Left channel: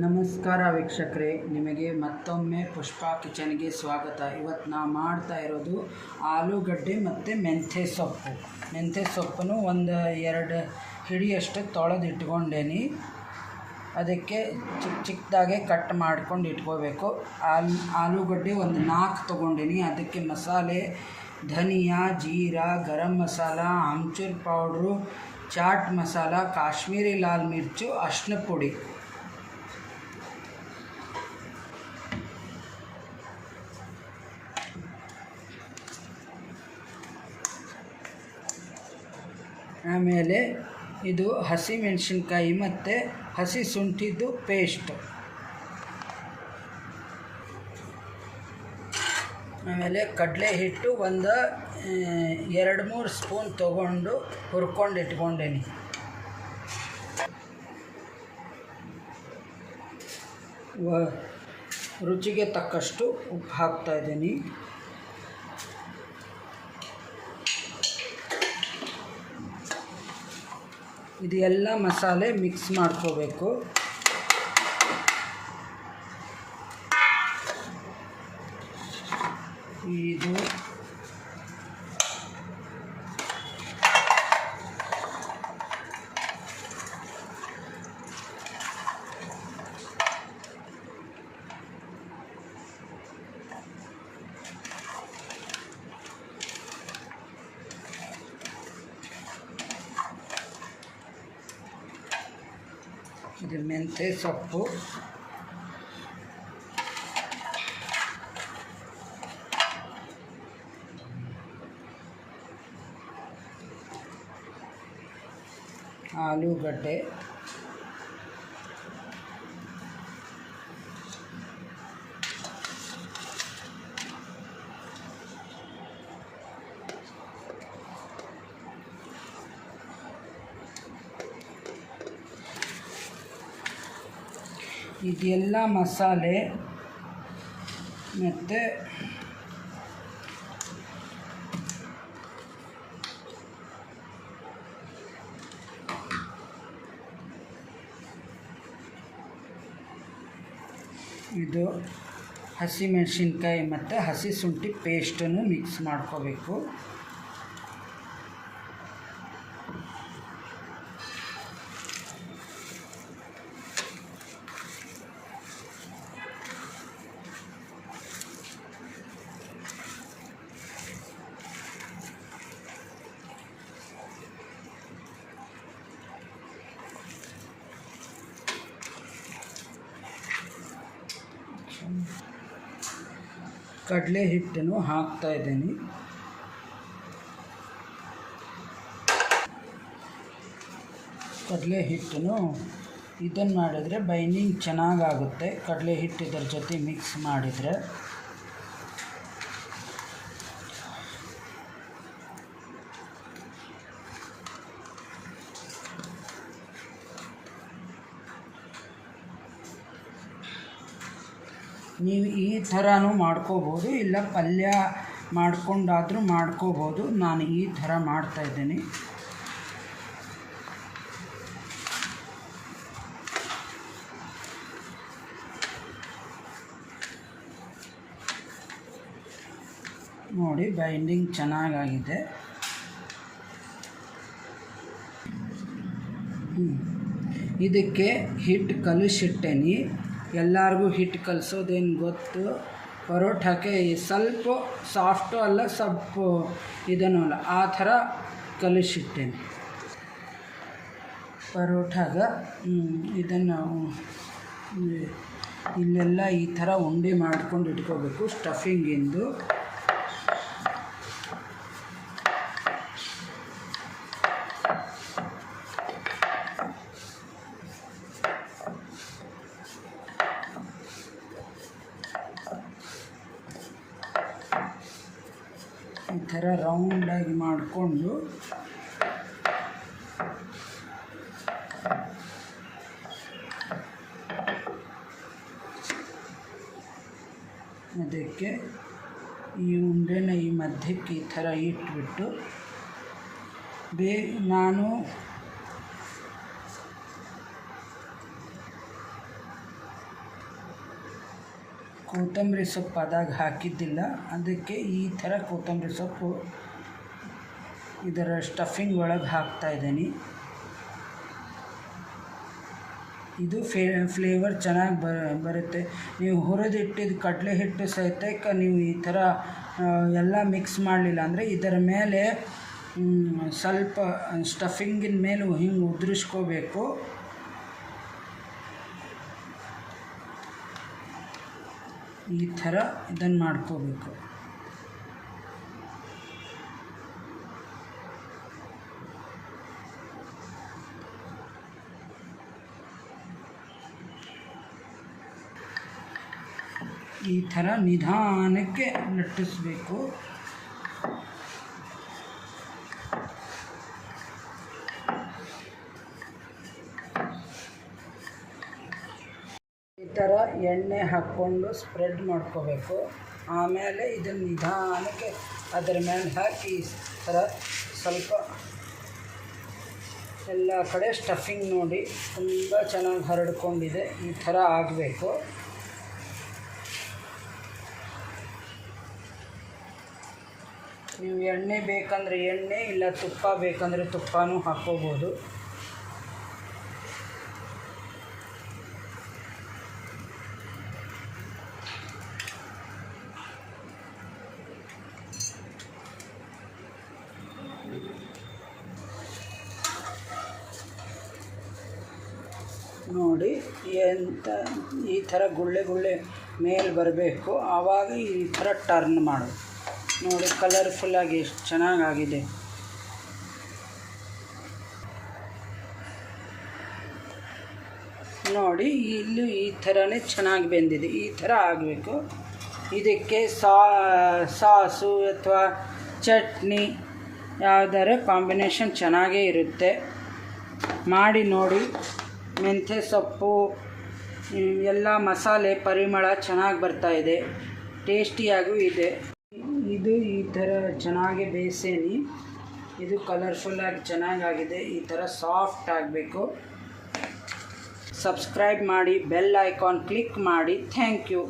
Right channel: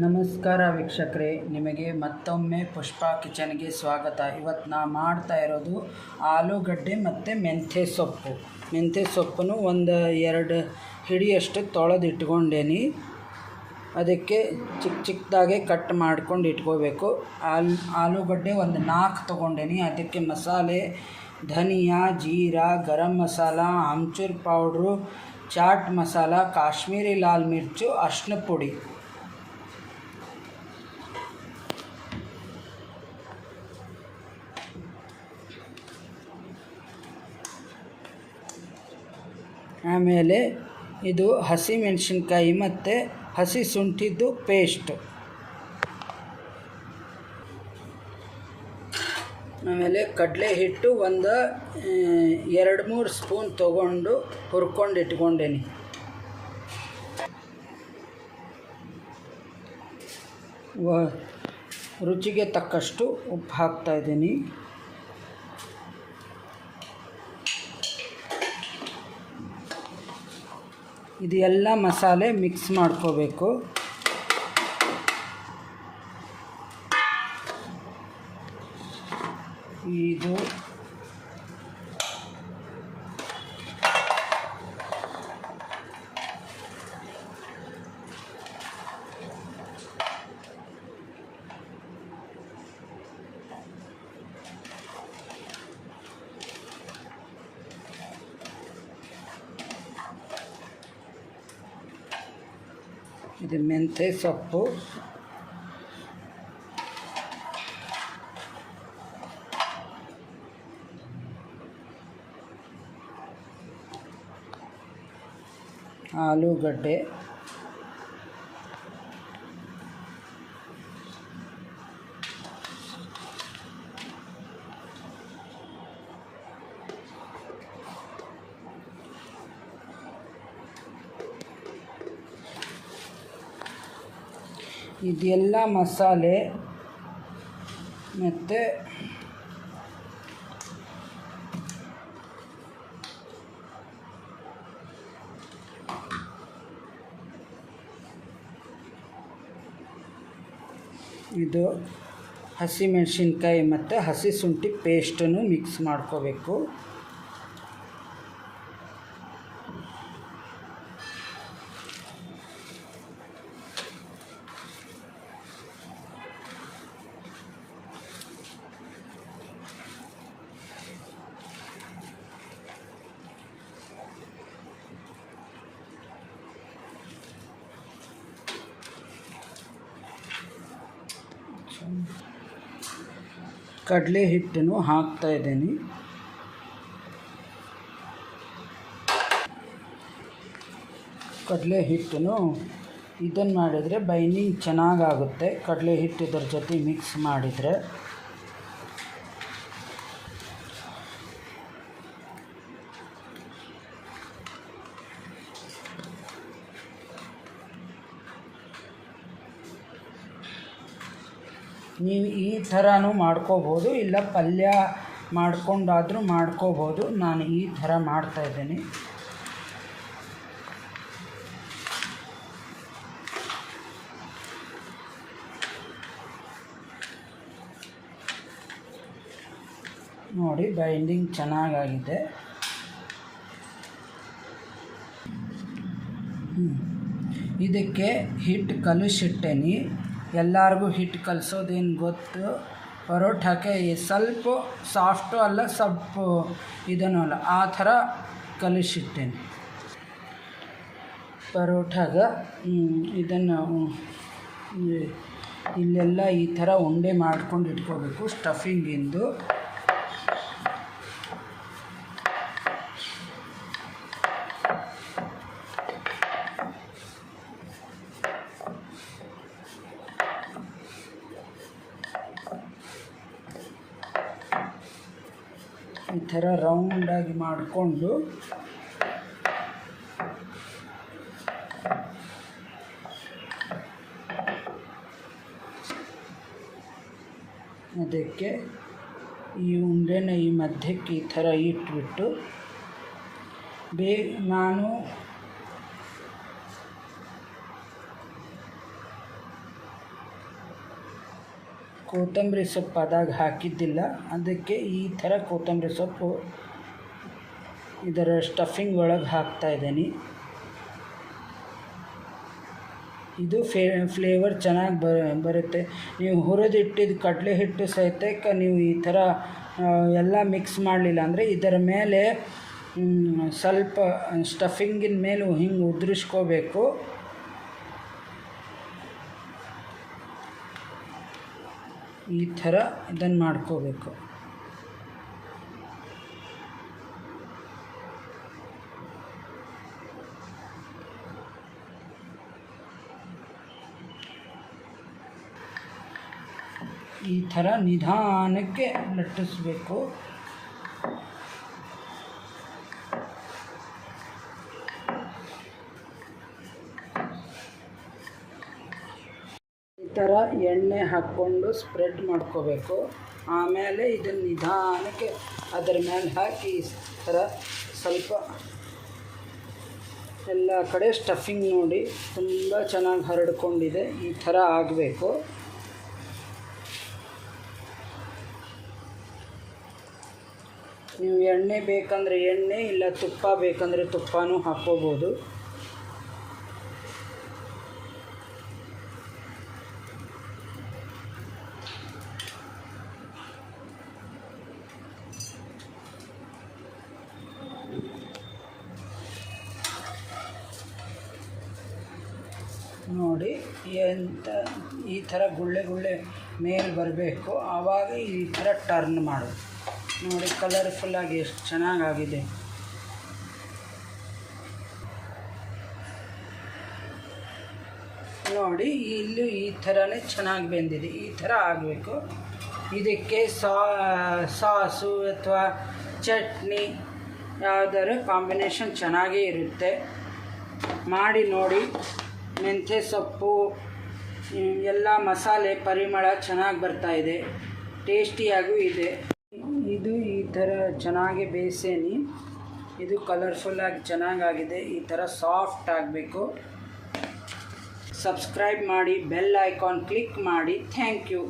ನಮಸ್ಕಾರ ವೀಕ್ಷಕರೇ, ನಿಮಗೆ ಮತ್ತೊಮ್ಮೆ ಪುಷ್ಪಾ ಕಿಚನ್ಗೆ ಸ್ವಾಗತ. ಇವತ್ತು ನಾ ಮಾಡ್ತಾ ಇರೋದು ಆಲೂಗಡ್ಡೆ ಮತ್ತು ಮೆಂತ್ಯ ಸೊಪ್ಪನ್ನು ಒಂದು 2 ಹಿಡಿಯಷ್ಟು ತೊಳೆದು ಇಟ್ಕೊಂಡೇನಿ. ಅದಕ್ಕೆ ಚಿಕ್ಕದಾಗೆ ಕಟ್ ಮಾಡ್ಕೊಂಡು ಇಟ್ಕೋಬೇಕು. ಆಲೂಗಡ್ಡೆ ಒಂದು 4 ತೊಗೊಂಡೇನಿ. ಅದಕ್ಕೆ ಮಸಾಲೆ ಧನಿಯಾ, ಜೀರಾ, ಗರಂ ಮಸಾಲ, ಆಮ್ಚೂರ್ ಪೌಡ್ರು, ಚಾಟ್ ಮಸಾಲ, ಕಾಶ್ಮೀರಿ ಲಾಲ್ ಮಿರ್ಚು, ಅರಿಶಿನ ಪುಡಿ. ಆಮೇಲೆ ಇದು ಹಸಿ ಮೆಣಸಿನ್ಕಾಯಿ ಮತ್ತು ಹಸಿ ಶುಂಠಿದು ಪೇಸ್ಟ್. ಆಮೇಲೆ ಕಡಲೆ ಹಿಟ್ಟು ಒಂದು 2-3 ಸ್ಪೂನ್ ತೊಗೊಂಡು ಹುರ್ಕೊಂಡು ಇಟ್ಕೊಂಡೇನಿ. ರುಚಿಗೆ ತಕ್ಕಷ್ಟು ಉಪ್ಪು ಹಾಕ್ತಾಯಿದ್ದೀನಿ. ಇದು ಎಲ್ಲ ಮಸಾಲೆ ಮಿಕ್ಸ್ ಮಾಡ್ಕೋಬೇಕು. ಇದು ಮೆಂತ್ಯ ಸೊಪ್ಪು, ಆಲೂಗಡ್ಡೆ, ಇದೆಲ್ಲ ಮಸಾಲೆ ಮತ್ತು ಇದು ಹಸಿ ಮೆಣಸಿನ್ಕಾಯಿ ಮತ್ತು ಹಸಿ ಶುಂಠಿ ಪೇಸ್ಟನ್ನು ಮಿಕ್ಸ್ ಮಾಡ್ಕೋಬೇಕು. ಕಡಲೆ ಹಿಟ್ಟನ್ನು ಹಾಕ್ತಾ ಇದ್ದೀನಿ. ಕಡಲೆ ಹಿಟ್ಟನ್ನು ಇದನ್ನು ಮಾಡಿದರೆ ಬೈಂಡಿಂಗ್ ಚೆನ್ನಾಗಾಗುತ್ತೆ. ಕಡಲೆ ಹಿಟ್ಟು ಇದರ ಜೊತೆ ಮಿಕ್ಸ್ ಮಾಡಿದರೆ ನೀವು ಈ ಥರನೂ ಮಾಡ್ಕೋಬೋದು, ಇಲ್ಲ ಪಲ್ಯ ಮಾಡ್ಕೊಂಡಾದರೂ ಮಾಡ್ಕೋಬೋದು. ನಾನು ಈ ಥರ ಮಾಡ್ತಾಯಿದ್ದೀನಿ. ನೋಡಿ, ಬೈಂಡಿಂಗ್ ಚೆನ್ನಾಗಾಗಿದೆ. ಇದಕ್ಕೆ ಹಿಟ್ಟು ಕಲಿಸಿಟ್ಟೇನಿ. ಎಲ್ಲರಿಗೂ ಹಿಟ್ಟು ಕಲಿಸೋದೇನು ಗೊತ್ತು. ಪರೋಟಕ್ಕೆ ಸ್ವಲ್ಪ ಸಾಫ್ಟು ಅಲ್ಲ, ಸ್ವಲ್ಪ ಇದನ್ನು ಅಲ್ಲ, ಆ ಥರ ಕಲಿಸಿಟ್ಟೇನೆ. ಪರೋಟಾಗ ಇದನ್ನು ಇಲ್ಲೆಲ್ಲ ಈ ಥರ ಉಂಡೆ ಮಾಡ್ಕೊಂಡು ಇಟ್ಕೋಬೇಕು ಸ್ಟಫಿಂಗಿಂದು. ಈ ಥರ ರೌಂಡಾಗಿ ಮಾಡಿಕೊಂಡು ಅದಕ್ಕೆ ಈ ಉಂಡೆನ ಈ ಮಧ್ಯಕ್ಕೆ ಈ ಥರ ಇಟ್ಬಿಟ್ಟು ಕೊತ್ತಂಬರಿ ಸೊಪ್ಪು ಅದಾಗ ಹಾಕಿದ್ದಿಲ್ಲ, ಅದಕ್ಕೆ ಈ ಥರ ಕೊತ್ತಂಬರಿ ಸೊಪ್ಪು ಇದರ ಸ್ಟಫಿಂಗ್ ಒಳಗೆ ಹಾಕ್ತಾಯಿದ್ದೀನಿ. ಇದು ಫ್ಲೇವರ್ ಚೆನ್ನಾಗಿ ಬರುತ್ತೆ. ನೀವು ಹುರಿದಿಟ್ಟಿದ್ದು ಕಡಲೆ ಹಿಟ್ಟು ಸಹಿತ ನೀವು ಈ ಥರ ಎಲ್ಲ ಮಿಕ್ಸ್ ಮಾಡಲಿಲ್ಲ ಅಂದರೆ ಇದರ ಮೇಲೆ ಸ್ವಲ್ಪ ಸ್ಟಫಿಂಗಿನ ಮೇಲೆ ಹಿಂಗೆ ಉದುರಿಸ್ಕೋಬೇಕು. ಈ ಥರ ಇದನ್ನು ಮಾಡ್ಕೋಬೇಕು. ಈ ಥರ ನಿಧಾನಕ್ಕೆ ಲಟ್ಟಿಸ್ಬೇಕು. ಈ ಥರ ಎಣ್ಣೆ ಹಾಕ್ಕೊಂಡು ಸ್ಪ್ರೆಡ್ ಮಾಡ್ಕೋಬೇಕು. ಆಮೇಲೆ ಇದನ್ನು ನಿಧಾನಕ್ಕೆ ಅದರ ಮೇಲೆ ಹಾಕಿ ಈ ಥರ ಸ್ವಲ್ಪ ಎಲ್ಲ ಕಡೆ ಸ್ಟಫಿಂಗ್ ನೋಡಿ ತುಂಬ ಚೆನ್ನಾಗಿ ಹರಡ್ಕೊಂಡಿದೆ. ಈ ಥರ ಆಗಬೇಕು. ನೀವು ಎಣ್ಣೆ ಬೇಕಂದರೆ ಎಣ್ಣೆ, ಇಲ್ಲ ತುಪ್ಪ ಬೇಕಂದರೆ ತುಪ್ಪನೂ ಹಾಕ್ಕೋಬೋದು. ನೋಡಿ ಎಂತ ಈ ಥರ ಗುಳ್ಳೆ ಮೇಲೆ ಬರಬೇಕು. ಆವಾಗ ಈ ಥರ ಟರ್ನ್ ಮಾಡು. ನೋಡಿ ಕಲರ್ಫುಲ್ಲಾಗಿ ಎಷ್ಟು ಚೆನ್ನಾಗಾಗಿದೆ. ನೋಡಿ ಇಲ್ಲೂ ಈ ಥರನೇ ಚೆನ್ನಾಗಿ ಬೆಂದಿದೆ. ಈ ಥರ ಆಗಬೇಕು. ಇದಕ್ಕೆ ಸಾಸು ಅಥವಾ ಚಟ್ನಿ ಯಾವುದಾರ ಕಾಂಬಿನೇಷನ್ ಚೆನ್ನಾಗೇ ಇರುತ್ತೆ. ಮಾಡಿ ನೋಡಿ. ಮೆಂತ್ಯ ಸೊಪ್ಪು ಎಲ್ಲ ಮಸಾಲೆ ಪರಿಮಳ ಚೆನ್ನಾಗಿ ಬರ್ತಾಯಿದೆ. ಟೇಸ್ಟಿಯಾಗೂ ಇದೆ. ಇದು ಈ ಥರ ಚೆನ್ನಾಗಿ ಬೇಯಿಸೇನಿ. ಇದು ಕಲರ್ಫುಲ್ಲಾಗಿ ಚೆನ್ನಾಗಾಗಿದೆ. ಈ ಥರ ಸಾಫ್ಟ್ ಆಗಬೇಕು. ಸಬ್ಸ್ಕ್ರೈಬ್ ಮಾಡಿ, ಬೆಲ್ ಐಕಾನ್ ಕ್ಲಿಕ್ ಮಾಡಿ. Thank you.